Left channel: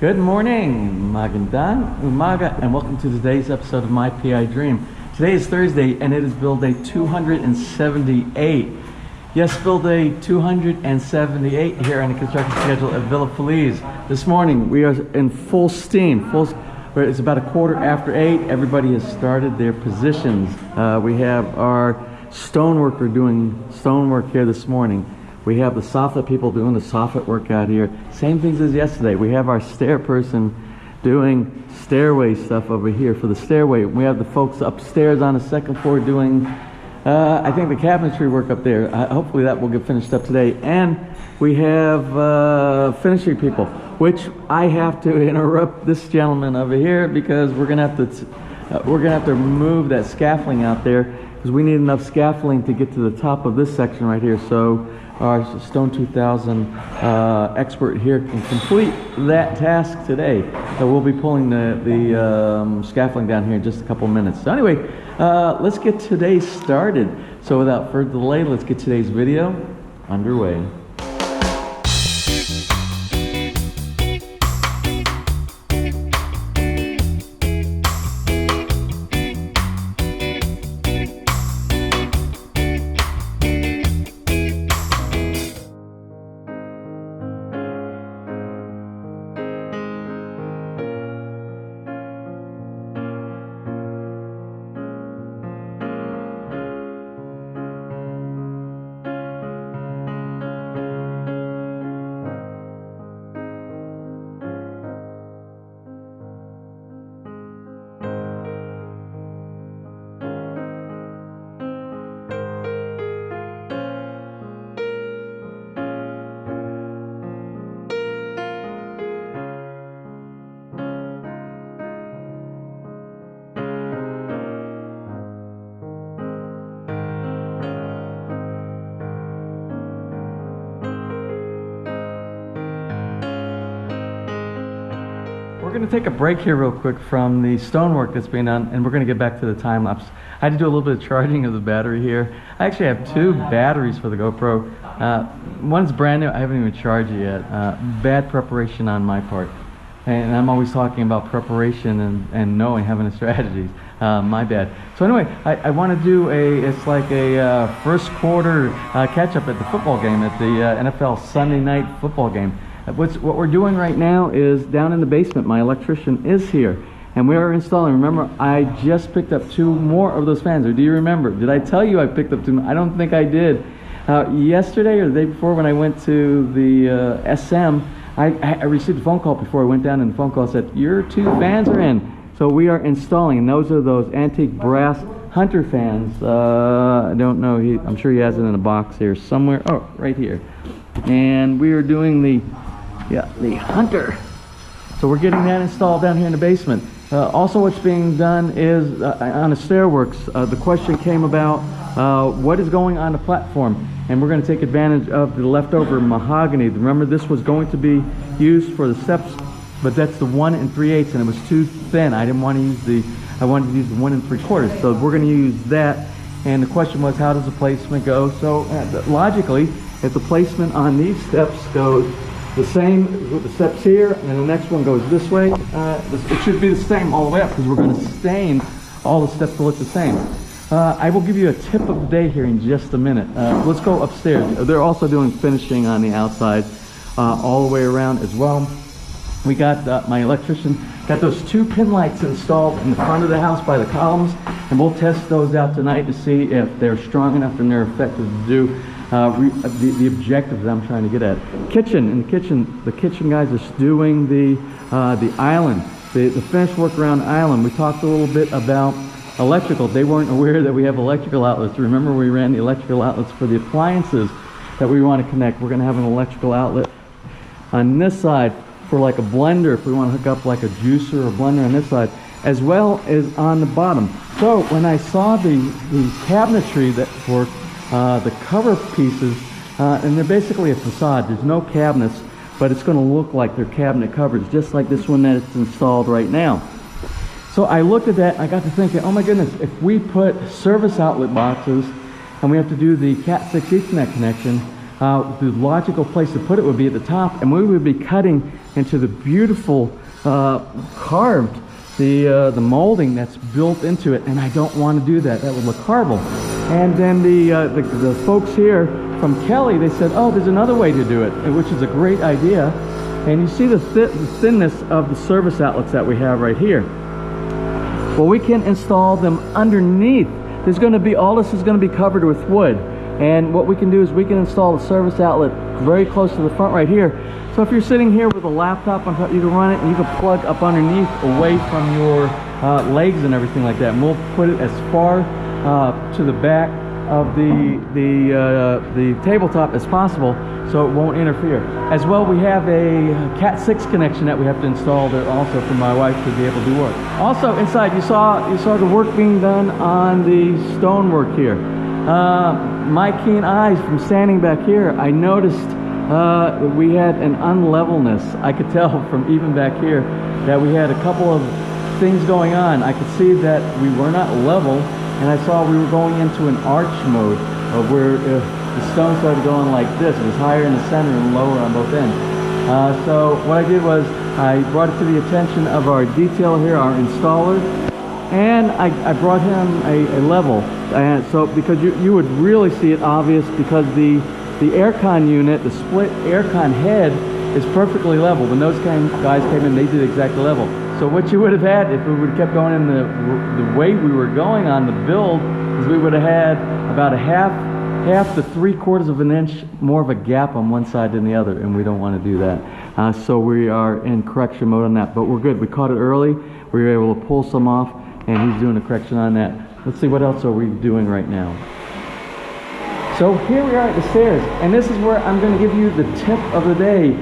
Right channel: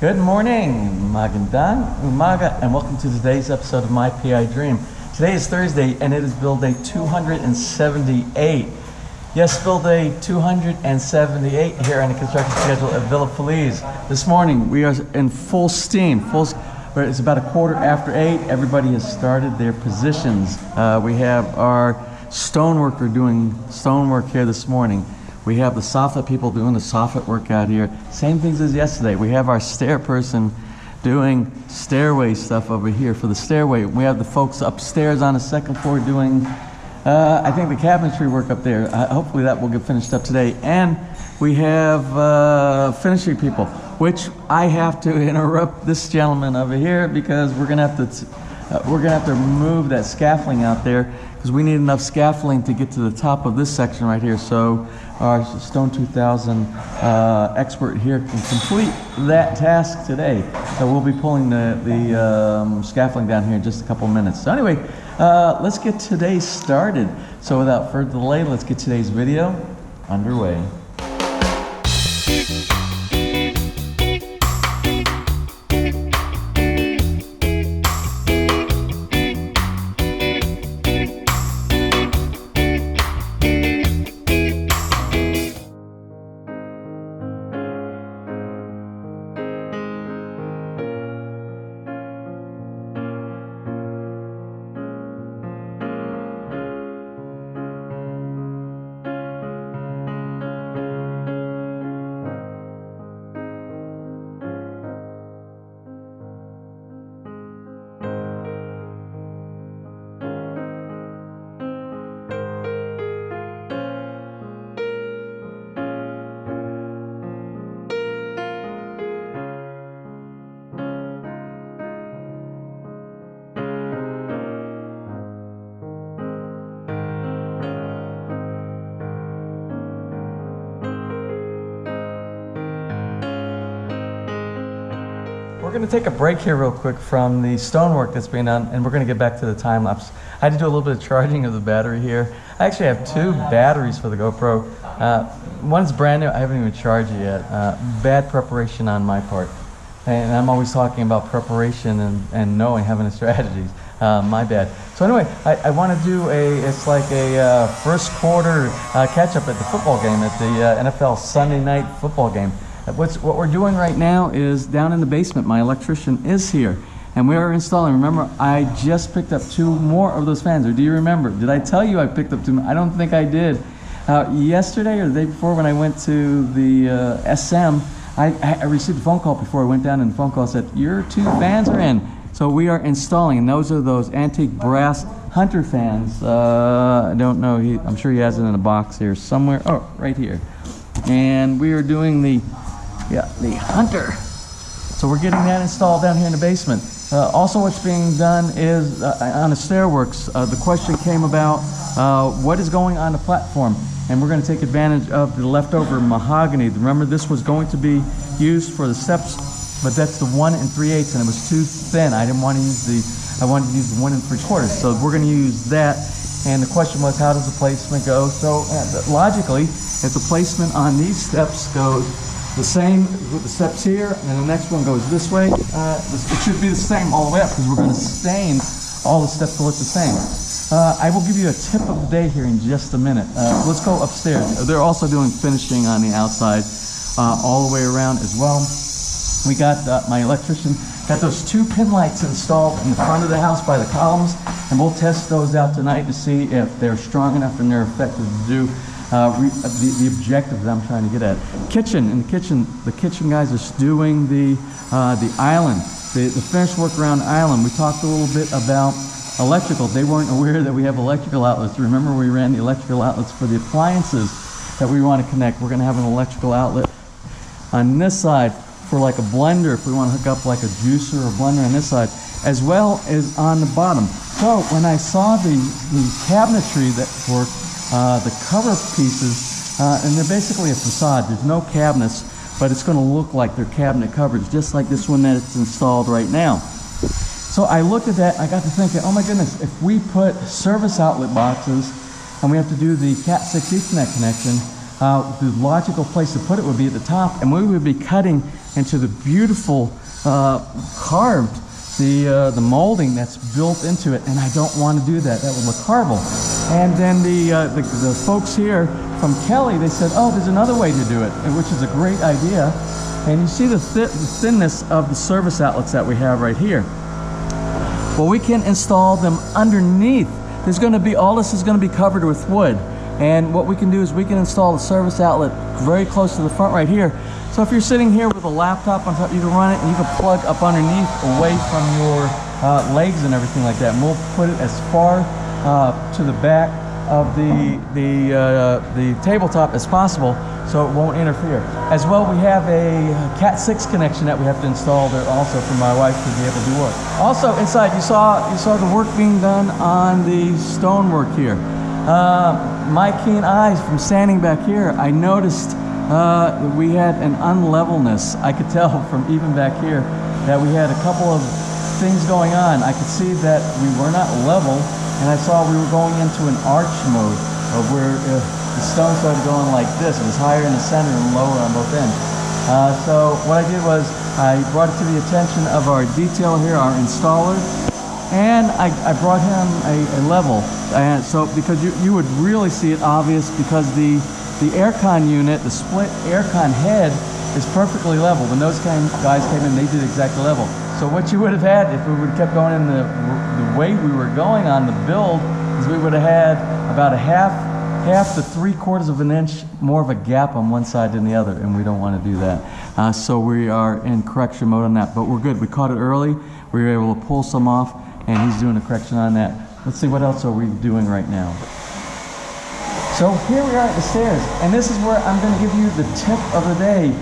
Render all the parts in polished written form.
Good morning, Magandang Umaga, and welcome to today's episode of My PI Dream. Today is Thursday, and it is build day 278. Yes, build day 278 here on the construction schedule at Villa Feliz. This morning, we are in full steam. It's about 8:15. Everybody has started their positions. We have our stoneworker doing stonework here this morning. We have the soffit people doing the soffit work out here. Same things as yesterday. We have our stair person doing stairway stuff over here for the stairway. We have the folks upstairs on the second floor doing, I think, the cabinetry work up there. Hopefully that will get finished up today. And we have finishing people, which I have to interrupt this gentleman over here because we're gonna have to remove that scaffolding out there because we need enough scaffolding to get to the top of this section right here. So our Stone 2000 expert here can complete that task today. So we'll be pulling the scaffolding down here in just a couple minutes. So anyway, let's get today started. So without further delay, let's get today's video underway. We're going to take a break here real quick from the stonework that's being done, and we're going to get back to the time lapse. I had to do a little bit of charging of the battery here. I actually have two batteries for the GoPro. One's brand new. I haven't even charged it yet. Bad preparation on my part. And I'm always talking about preparation and knowing, having the strategies. My bad. So anyway, I want to do it's like a first quarter catch-up at the football game, at the NFL Sunday night football game. What we're doing right now is down in the basement. My electrician is here, and we are installing. Remember, I just picked up two more of those fans. Or do you remember? Did I tell you I picked up two? I don't think I did. Yesterday or the day before, when I went to the SM, I received a phone call before I went down, and the phone call said, "Your two fans are in." So we are installing, and those are those antique brass Hunter fans. I don't know. I'm sure he has it in a box here somewhere. Oh, right here. And we are doing the Hunter. So we're getting that installed down here in the basement. Also what's being done is on the stairworks, the question came about what is going on the platform, and we're going to take advantage of the leftover mahogany. Remember, this was going to be used for the steps, but that's the 1 3/8, and it was too thin. I didn't want to use I wanted to use the 1 3/4. So we're going to use that, and the question was, how does the placement go? So logically, if the placement on these steps goes the same with the steps here, and the next one goes this way, it should be the same all the way up because we're going to stain all the steps to look the same. I will give you a tip of the day here in just a minute. Let's go upstairs. They're also doing finishing on the outside all the way around as well. We got my electrician got those two pin lights installed in the front of the house by the columns, and we'll test those out tonight to see if they're strong enough and they're effective to do the objective that I'm trying to get at. The kitchen guys are doing the island, the finish work around the island. We talked a little bit about electrical. They weren't aware that we have electrical outlets. Remember, we ran the electrical outlets for the appliances that we want to connect. We're going to have an electrical outlet on this side for like a blender, if we want to hook up like a juicer or blender on this side, as well as on the bottom. So when I saw the cabinetry that for the cover pieces, and they're basically a facade. There's no cabinets, but it's going to look like they're cabinet covers, just like this one that's installed right now. So I looked at that, I got to thinking, oh my goodness, if we put service outlet boxes and we have to do the Cat 6 Ethernet connection, the logical place to put it would be at the top, and we would be cutting into the beautiful carved, the molding that's built into it, and I don't want to do that. That would look horrible. And then the folks here from Kelly, they said, oh, there's another way to do it, which is a great idea. And you see the thinness of the service outlets that we have right here. Well, we can install them underneath. There's going to be, all this is going to be covered with wood. And what we can do is we can install the service outlet very close to the front right here. So if you're sitting here with a laptop on top, you can run it and you can plug up underneath away from your legs and everything like that. And we'll put it as far to the back of the tabletop as possible so it won't interfere. As well, we have a Cat 6 connection that we have to install there also for my wife to be able to do work. Also inside, you saw the work being done on the stonework here. My keen eyes from standing back here, I noticed we had an unlevelness. I could tell from even back here that we had a couple of things going on. I could see that we were not level, and I saw we were going into an arch mode of where the stone started going like this. It was higher in the center and lower on both ends. So what I did was I brought it to the attention of our detailer here, our installer, and I brought him a level. And so because you would really see it obvious, because the aircon unit, the split aircon head, is perfectly level. When those guys came in, they did exactly level. So what you would have had if we would have kept going in the way we were going on the build is we would have had about a half to 3/4 of an inch more of a gap on one side than the other, and we don't want to do that. So we are in correction mode on that, but we're good. We caught it early. We were able to pull some off, and he's doing a correction on that. Let's see, what else are we doing right now? So here we are at the stairs, and this is where I'm going to give you the tip of the day.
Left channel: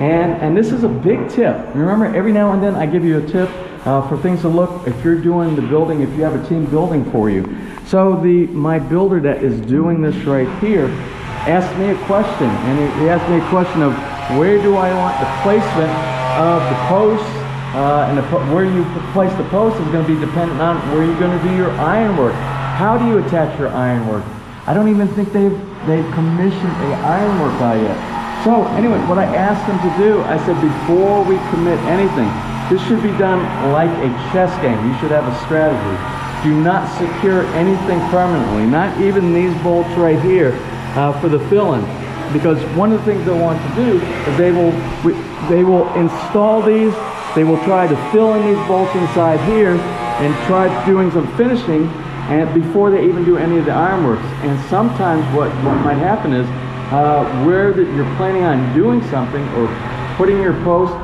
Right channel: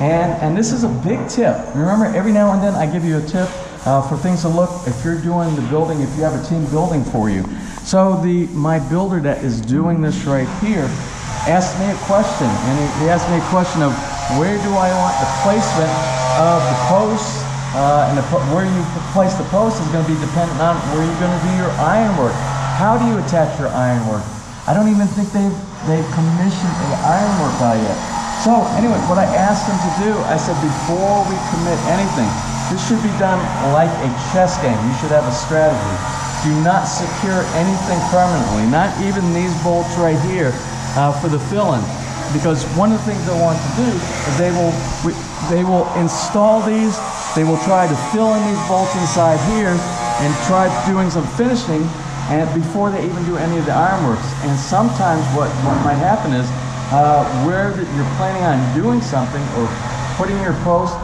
And this is a big tip. Remember, every now and then I give you a tip for things to look if you're doing the building, if you have a team building for you. So my builder that is doing this right here asked me a question, and he asked me a question of where do I want the placement of the posts, and where you place the post is going to be dependent on where you're going to do your ironwork. How do you attach your ironwork? I don't even think they've commissioned a ironwork guy yet. So anyway, what I asked them to do, I said, before we commit anything, this should be done like a chess game. You should have a strategy. Do not secure anything permanently, not even these bolts right here for the fill-in. Because one of the things they want to do is they will install these, they will try to fill in these bolts inside here and try doing some finishing and before they even do any of the ironworks. And sometimes what might happen is where that you're planning on doing something or putting your post,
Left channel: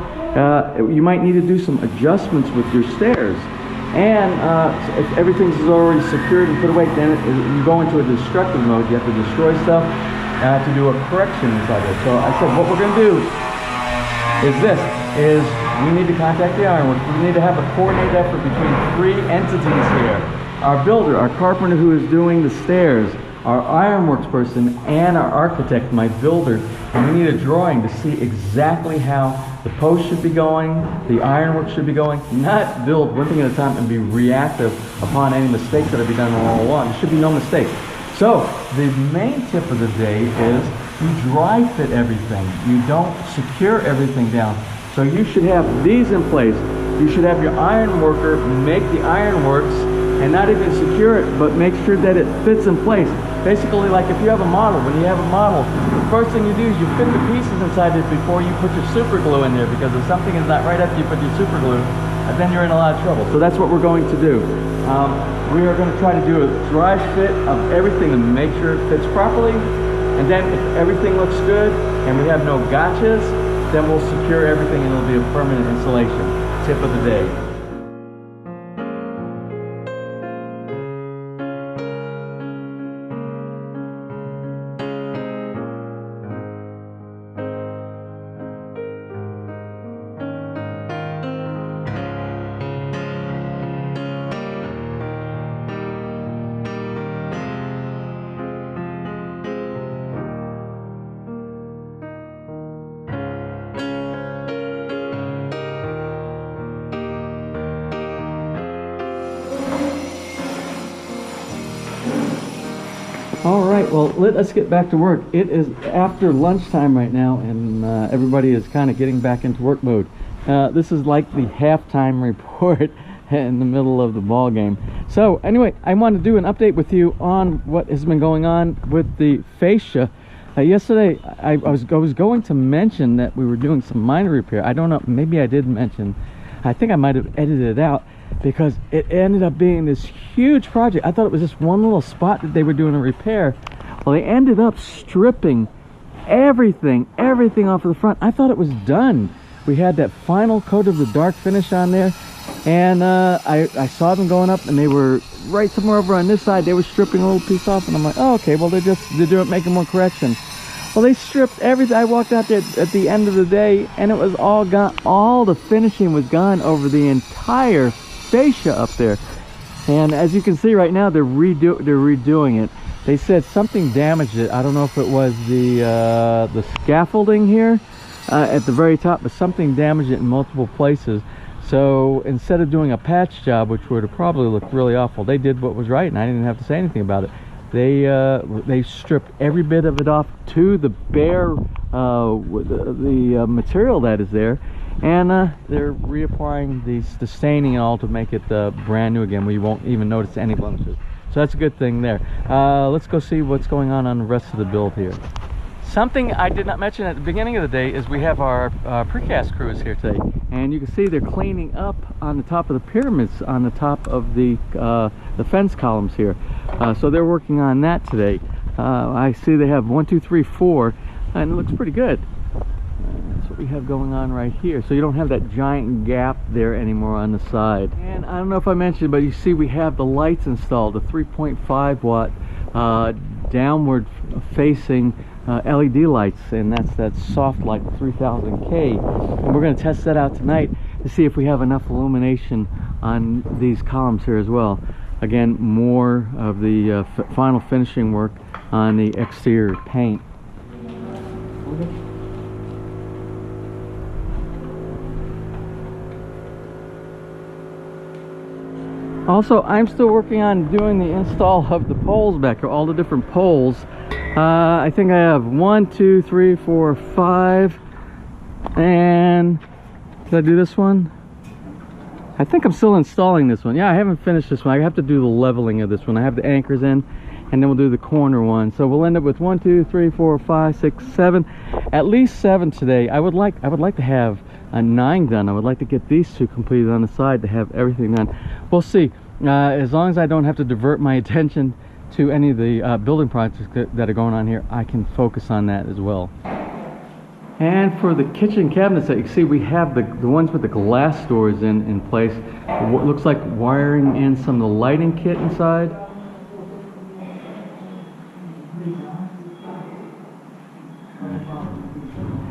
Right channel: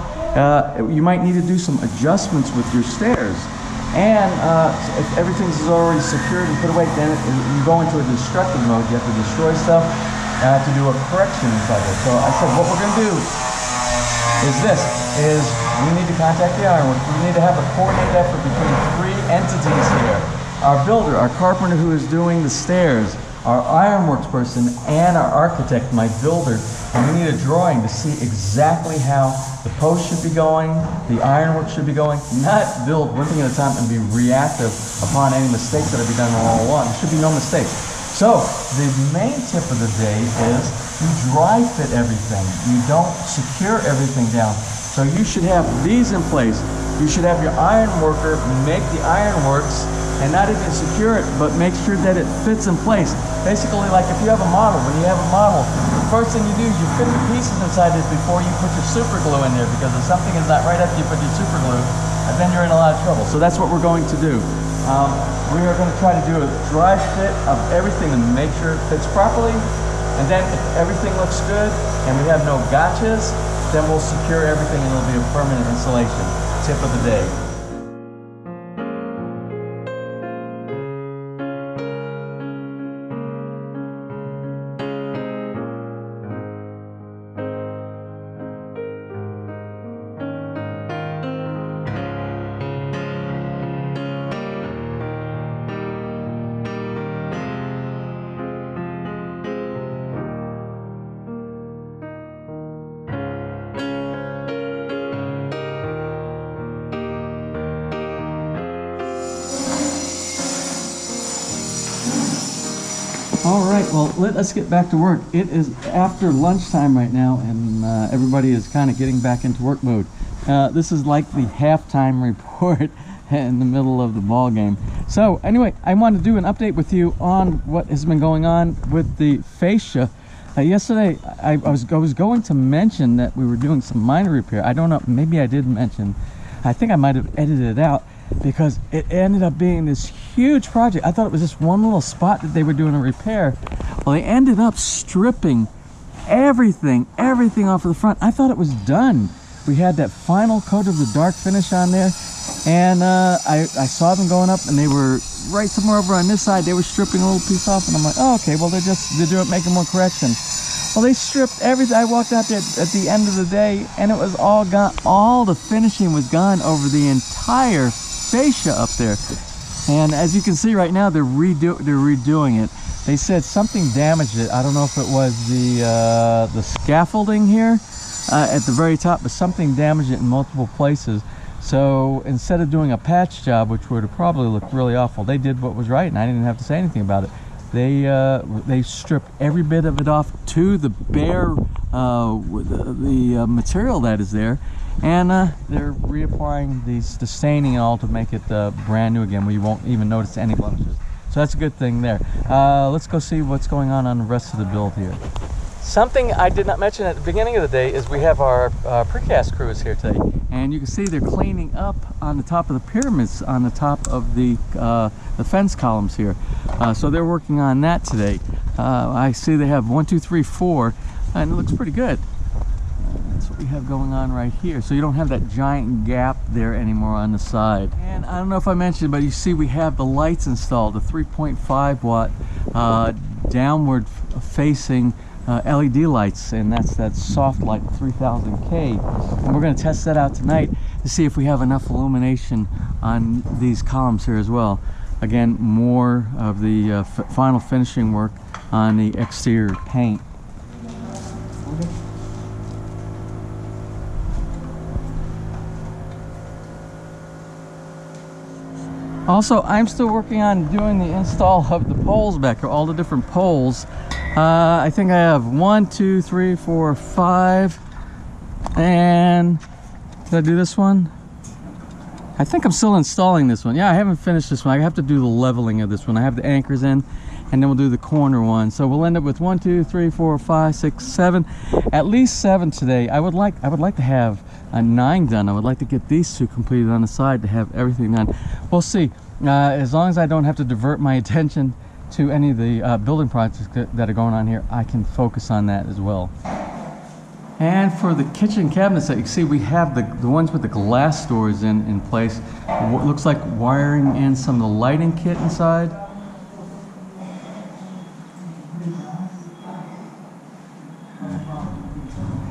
you might need to do some adjustments with your stairs. And so if everything's already secured and put away, then you go into a destructive mode. You have to destroy stuff to do a correction inside it. So I said, what we're going to do is we need to contact the ironwork. We need to have a coordinated effort between 3 entities here. Our builder, our carpenter who is doing the stairs, our ironworks person, and our architect, my builder. And we need a drawing to see exactly how the post should be going, the ironwork should be going, not build one thing at a time and be reactive upon any mistakes that have been done all along. There should be no mistakes. So the main tip of the day is you dry fit everything. You don't secure everything down. So you should have these in place. You should have your iron worker make the ironworks and not even secure it, but make sure that it fits in place. Basically, like if you have a model, when you have a model, the first thing you do is you fit the pieces inside it before you put your super glue in there, because if something is not right after you put your super glue, then you're in a lot of trouble. So that's what we're going to do. We are going to try to do a dry fit of everything to make sure it fits properly. And then if everything looks good and we have no gotchas, then we'll secure everything and it'll be a permanent installation. Tip of the day. All right, well, let us get back to work. It is after lunchtime right now, and everybody is kind of getting back into work mode. This is like the halftime report in the middle of the ball game. So anyway, I want to do an update with you on what has been going on with the fascia. Yesterday, I was going to mention that we were doing some minor repair. I don't know, maybe I did mention. I think I might have edited it out, because it ended up being this huge project. I thought it was just one little spot that they were doing a repair. Well, they ended up stripping everything off of the front. I thought it was done. We had that final coat of the dark finish on there, and I saw them going up, and they were right somewhere over on this side. They were stripping a little piece off, and I'm like, oh, okay, well, they're doing making more correction. Well, they stripped everything. I walked out there at the end of the day, and it was all gone. All the finishing was gone over the entire fascia up there. And as you can see right now, they're redoing it. They said something damaged it. I don't know if it was the scaffolding here at the very top, but something damaged it in multiple places. So instead of doing a patch job, which would have probably looked really awful, they did what was right, and I didn't have to say anything about it. They stripped every bit of it off to the bare the material that is there, and they're reapplying the staining and all to make it brand new again, where you won't even notice any blemishes. So that's a good thing there. Let's go see what's going on the rest of the build here. Something I did not mention at the beginning of the day is we have our precast crews here today, and you can see they're cleaning up on the top of the pyramids on the top of the fence columns here. So they're working on that today. I see they have 1, 2, 3, 4, and it looks pretty good. That's what we have going on right here. So you don't have that giant gap there anymore on the side. And I don't know if I mentioned, but you see we have the lights installed, the 3.5 watt downward facing LED lights, and that's that soft light 3000K, and we're going to test that out tonight to see if we have enough illumination on these columns here as well. Again, more of the final finishing work on the exterior paint. Also, I'm still working on doing the install of the poles back here, all the different poles. I think I have 1, 2, 3, 4, 5, and did I do this one? I think I'm still installing this one. Yeah, I haven't finished this one. I have to do the leveling of this one. I have the anchors in, and then we'll do the corner one. So we'll end up with 1, 2, 3, 4, 5, 6, 7, at least 7 today. I would like to have a 9 done. I would like to get these 2 completed on the side to have everything done. We'll see. As long as I don't have to divert my attention to any of the building projects that are going on here, I can focus on that as well. And for the kitchen cabinets that you see, we have the ones with the glass doors in place. What looks like wiring in some of the lighting kit inside.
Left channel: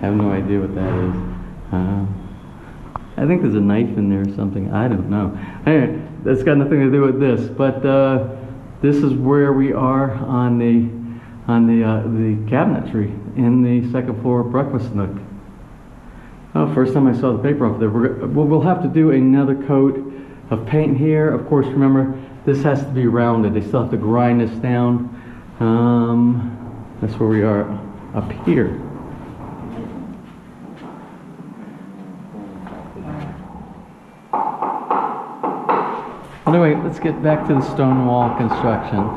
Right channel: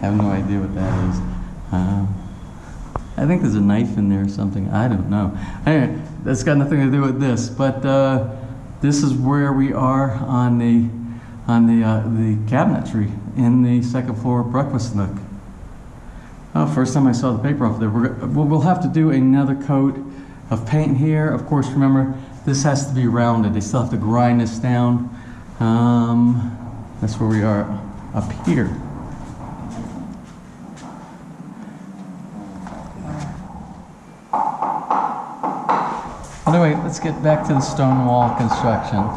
I have no idea what that is. I think there's a knife in there or something. I don't know. Anyway, that's got nothing to do with this. But this is where we are on the cabinetry in the second floor breakfast nook. Oh, first time I saw the paper off there. We'll have to do another coat of paint here. Of course, remember, this has to be rounded. They still have to grind this down. That's where we are up here. Anyway, let's get back to the stone wall construction.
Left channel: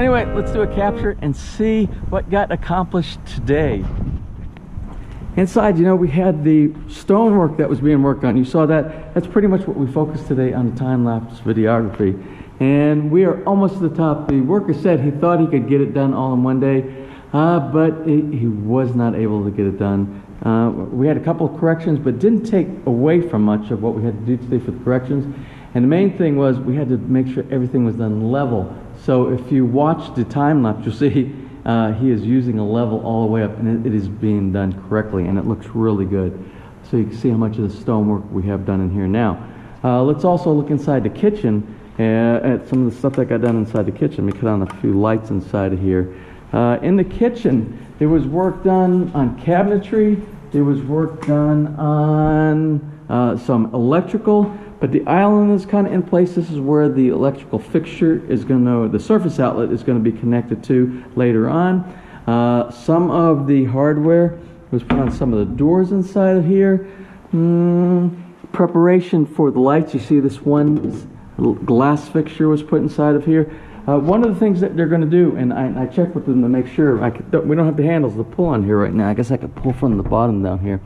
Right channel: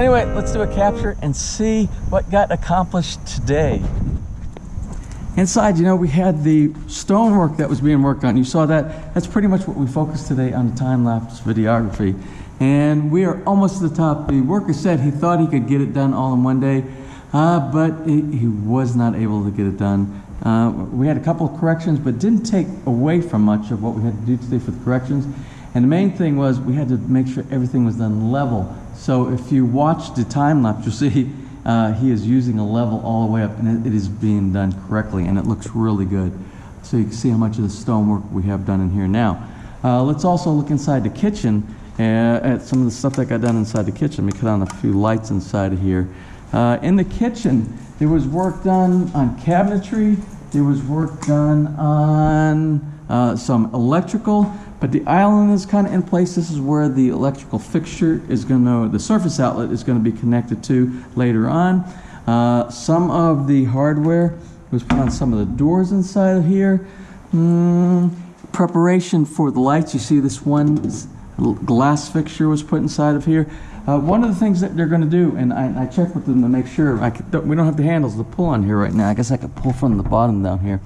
anyway, let's do a capture and see what got accomplished today. Inside, you know, we had the stonework that was being worked on. You saw that. That's pretty much what we focused today on the time-lapse videography. And we are almost to the top. The worker said he thought he could get it done all in one day, but he was not able to get it done. We had a couple of corrections, but didn't take away from much of what we had to do today for the corrections. And the main thing was we had to make sure everything was done level. So if you watch the time-lapse, you'll see he is using a level all the way up, and it is being done correctly, and it looks really good. So you can see how much of the stonework we have done in here now. Let's also look inside the kitchen at some of the stuff that got done inside the kitchen. Let me cut on a few lights inside of here. In the kitchen, there was work done on cabinetry. There was work done on some electrical, but the island is kind of in place. This is where the electrical fixture is going to, the surface outlet is going to be connected to later on. Some of the hardware was put on some of the doors inside of here. Preparation for the lights. You see this one glass fixture was put inside of here. One of the things that they're going to do, and I checked with them to make sure, we don't have the handles to pull on here right now. I guess I could pull from the bottom down here.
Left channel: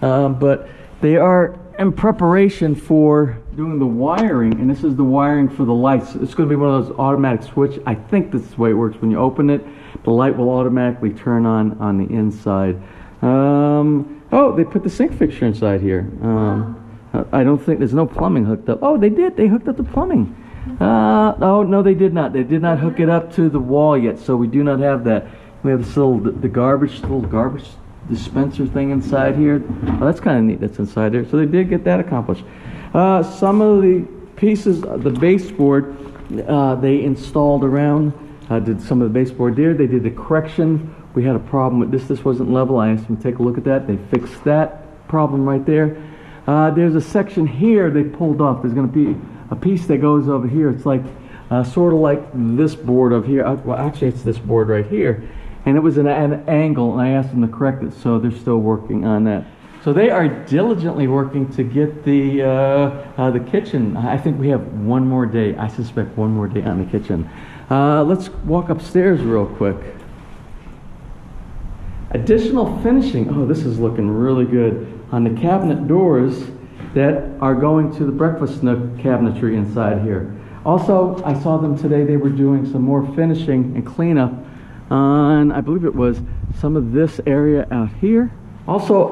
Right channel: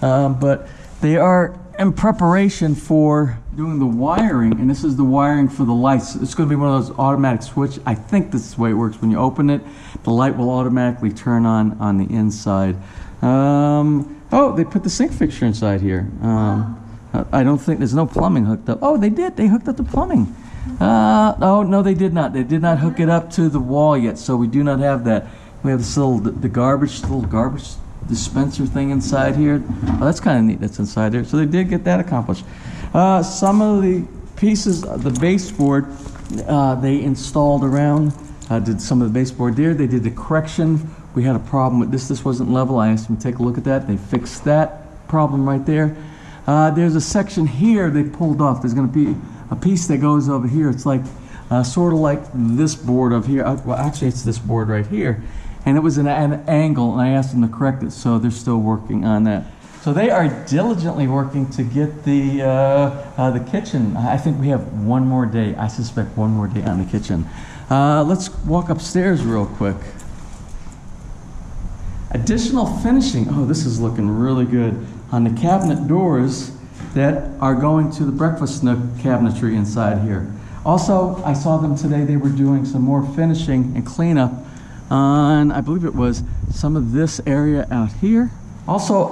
But they are in preparation for doing the wiring, and this is the wiring for the lights. It's going to be one of those automatic switch. I think this is the way it works. When you open it, the light will automatically turn on the inside. Oh, they put the sink fixture inside here. I don't think there's no plumbing hooked up. Oh, they did. They hooked up the plumbing. Oh, no, they did not. They did not hook it up to the wall yet, so we do not have that. We have this little garbage dispenser thing inside here. Oh, that's kind of neat. That's inside there. So they did get that accomplished. Some of the pieces, the baseboard, they installed around. Did some of the baseboard there. They did the correction. We had a problem with this. This wasn't level. I asked them to take a look at that. They fixed that problem right there. There's a section here they pulled off. There's going to be a piece that goes over here. It's like sort of like this board over here. Well, actually, it's this board right here. And it was an angle, and I asked them to correct it, so they're still working on that. So they are diligently working to get the kitchen. I think we have one more day. I suspect one more day on the kitchen. Let's walk upstairs real quick. Additional finishing. Oh, this is looking really good on the cabinet doors that are going to the breakfast nook cabinetry inside here. Also, I saw them today. They were doing some more finishing and cleanup on, I believe it was some of this area out here. Also,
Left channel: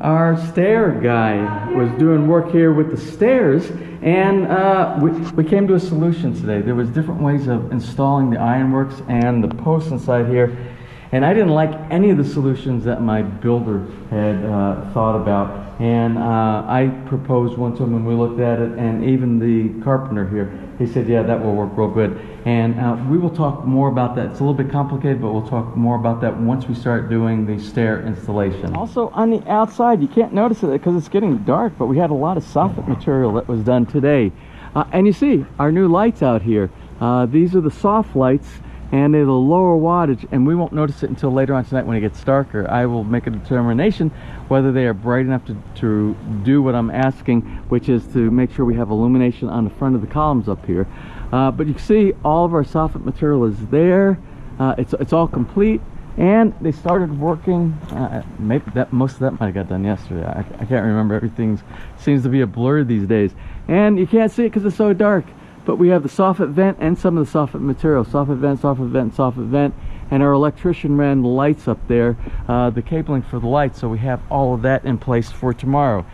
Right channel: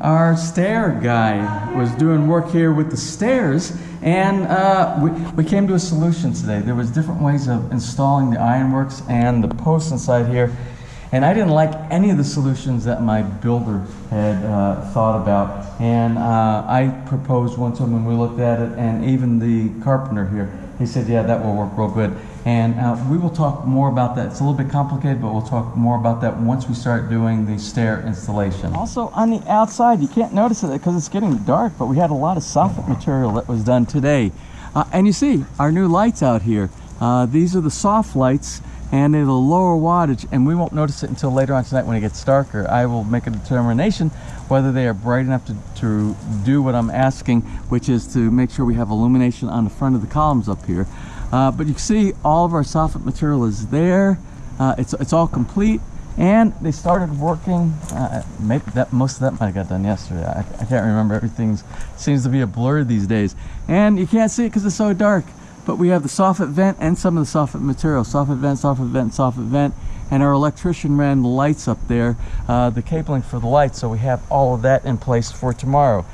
our stair guy was doing work here with the stairs, and we came to a solution today. There was different ways of installing the ironworks and the posts inside here, and I didn't like any of the solutions that my builder had thought about, and I proposed one to him, and we looked at it, and even the carpenter here, he said, yeah, that will work real good. And we will talk more about that. It's a little bit complicated, but we'll talk more about that once we start doing the stair installation. Also, on the outside, you can't notice it because it's getting dark, but we had a lot of soffit material that was done today. And you see our new lights out here. These are the soft lights, and they're the lower wattage, and we won't notice it until later on tonight when it gets darker. I will make a determination whether they are bright enough to do what I'm asking, which is to make sure we have illumination on the front of the columns up here. But you can see all of our soffit material is there. It's all complete, and they started working. Maybe most of that might have got done yesterday. I can't remember. Everything seems to be a blur these days, and you can't see it because it's so dark. But we have the soffit vent and some of the soffit material. Soffit vent, soffit vent, soffit vent. And our electrician ran the lights up there, the cabling for the lights, so we have all of that in place for tomorrow.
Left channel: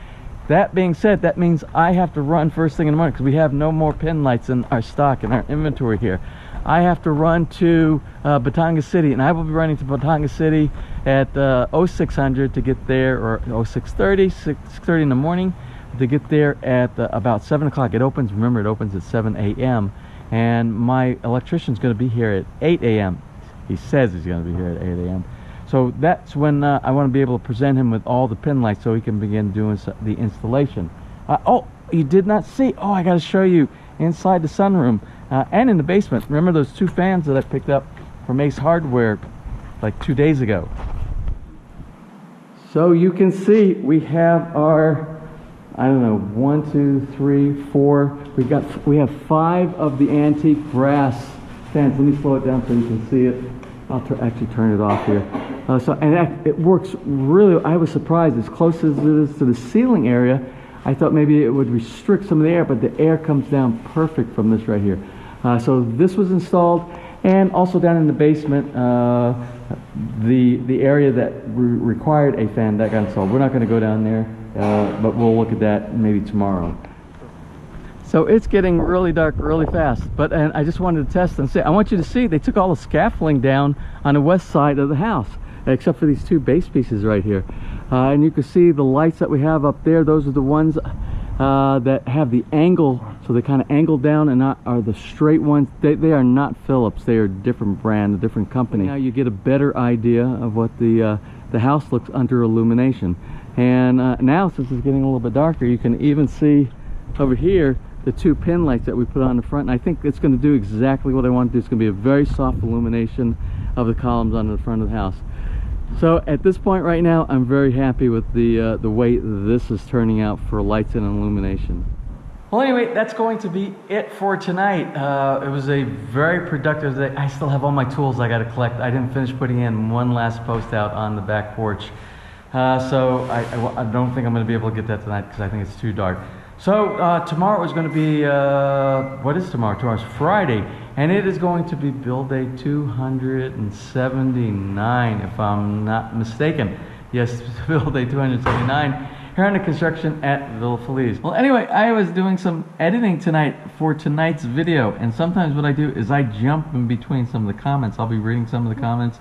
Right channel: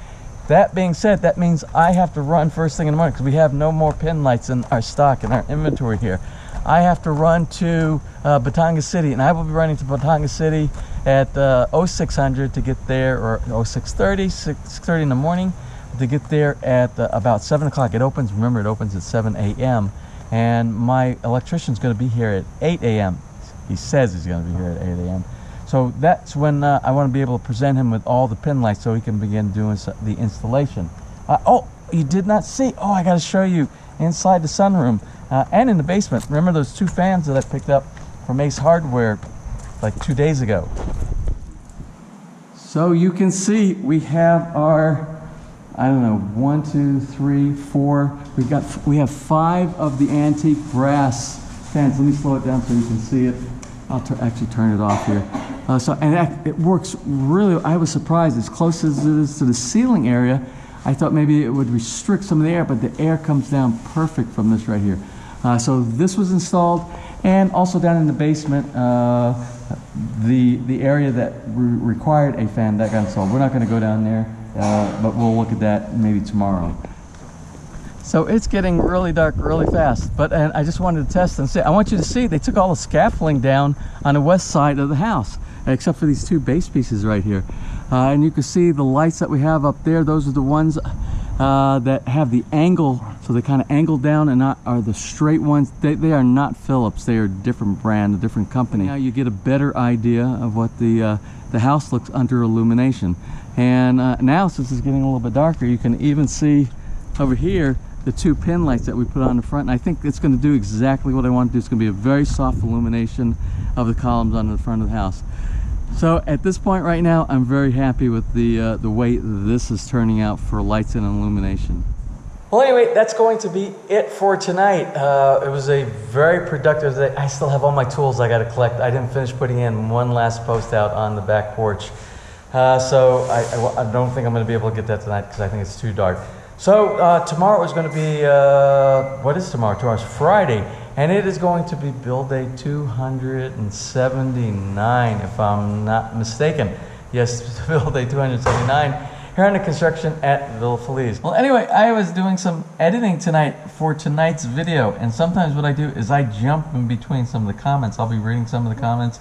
That being said, that means I have to run first thing in the morning because we have no more pin lights in our stock, in our inventory here. I have to run to Batonga City, and I will be running to Batonga City at 0600 to get there, or 0630, 6:30 in the morning, to get there at about 7 o'clock. It opens, remember, it opens at 7 a.m. And my electrician's going to be here at 8 a.m. He says he's going to be here at 8 a.m. So that's when I want to be able to present him with all the pin lights so he can begin doing the installation. Oh, you did not see. Oh, I got to show you inside the sunroom and in the basement. Remember those two fans that I picked up from Ace Hardware like 2 days ago? So you can see we have our, I don't know, 1, 2, 3, 4. We have 5 of the antique brass fans. Let me slow it down so you can see it. I'll actually turn it off here. It works really. I was surprised. As close as it is to the ceiling area, I thought maybe it would restrict some of the air, but the air comes down perfect from this right here. So this was installed, and also down in the basement, the area that required a fan, that got installed. We're not going to go down there, but we'll look at that maybe tomorrow. So it's getting really dark really fast, and I just wanted to test and say, I want you to see they took all the scaffolding down on the west side of the house, except for these two base pieces right here. And you can see the lights that we have up there. Those are the ones that have the angle, so they kind of angle down and not are the straight ones. They are not Philips. They are a different brand, a different company. Now you get a better idea of what the house looks under illumination. And now, since it's getting a little bit darker, you can even see over here the two pin lights that we put on the front. And I think it's going to do exactly what I want to do. It's going to be a very soft illumination of the columns on the front of the house. So at this point right now, I'm very happy with the way this is turning out for lights and illumination. Well, anyway, that's going to be it for tonight. It was a very productive day. I still have all my tools I got to collect. I didn't finish putting in one last post out on the back porch. So I don't think I'm going to be able to get that tonight because I think it's too dark. So tomorrow is going to be, what is tomorrow? Tomorrow's Friday, and it is going to be build day 279, if I'm not mistaken. Yes, build day 279 here on the construction at Villa Feliz. Well, anyway, I was doing some editing tonight for tonight's video, and sometimes what I do is I jump in between some of the comments. I'll be reading some of the comments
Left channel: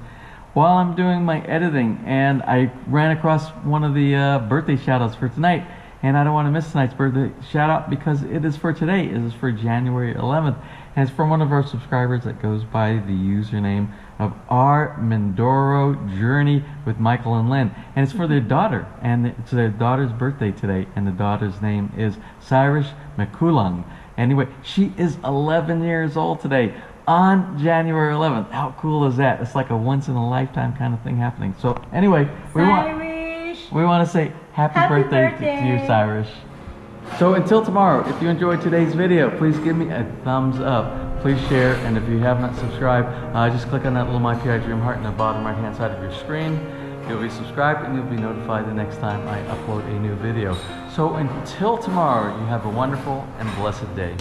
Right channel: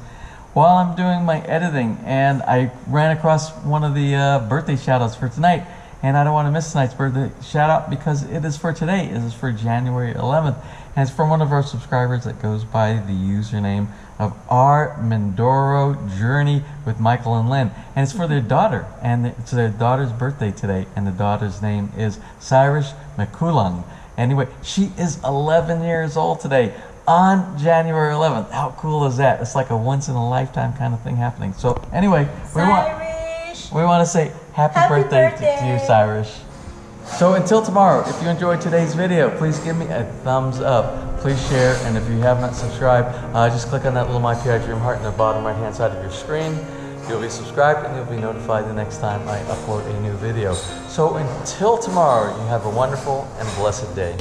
while I'm doing my editing, and I ran across one of the birthday shout-outs for tonight. And I don't want to miss tonight's birthday shout out because it is for today. It is for January 11th. And it's from one of our subscribers that goes by the username of R. Mindoro Journey with Michael and Lynn. And it's for their daughter. And it's their daughter's birthday today. And the daughter's name is Cyrus McCoolung. Anyway, she is 11 years old today on January 11th. How cool is that? It's like a once in a lifetime kind of thing happening. So anyway, we want to say happy birthday to you, Cyrus. So until tomorrow, if you enjoyed today's video, please give me a thumbs up. Please share, and if you have not subscribed, just click on that little My PI Dream heart in the bottom right-hand side of your screen. You'll be subscribed, and you'll be notified the next time I upload a new video. So until tomorrow, you have a wonderful and blessed day.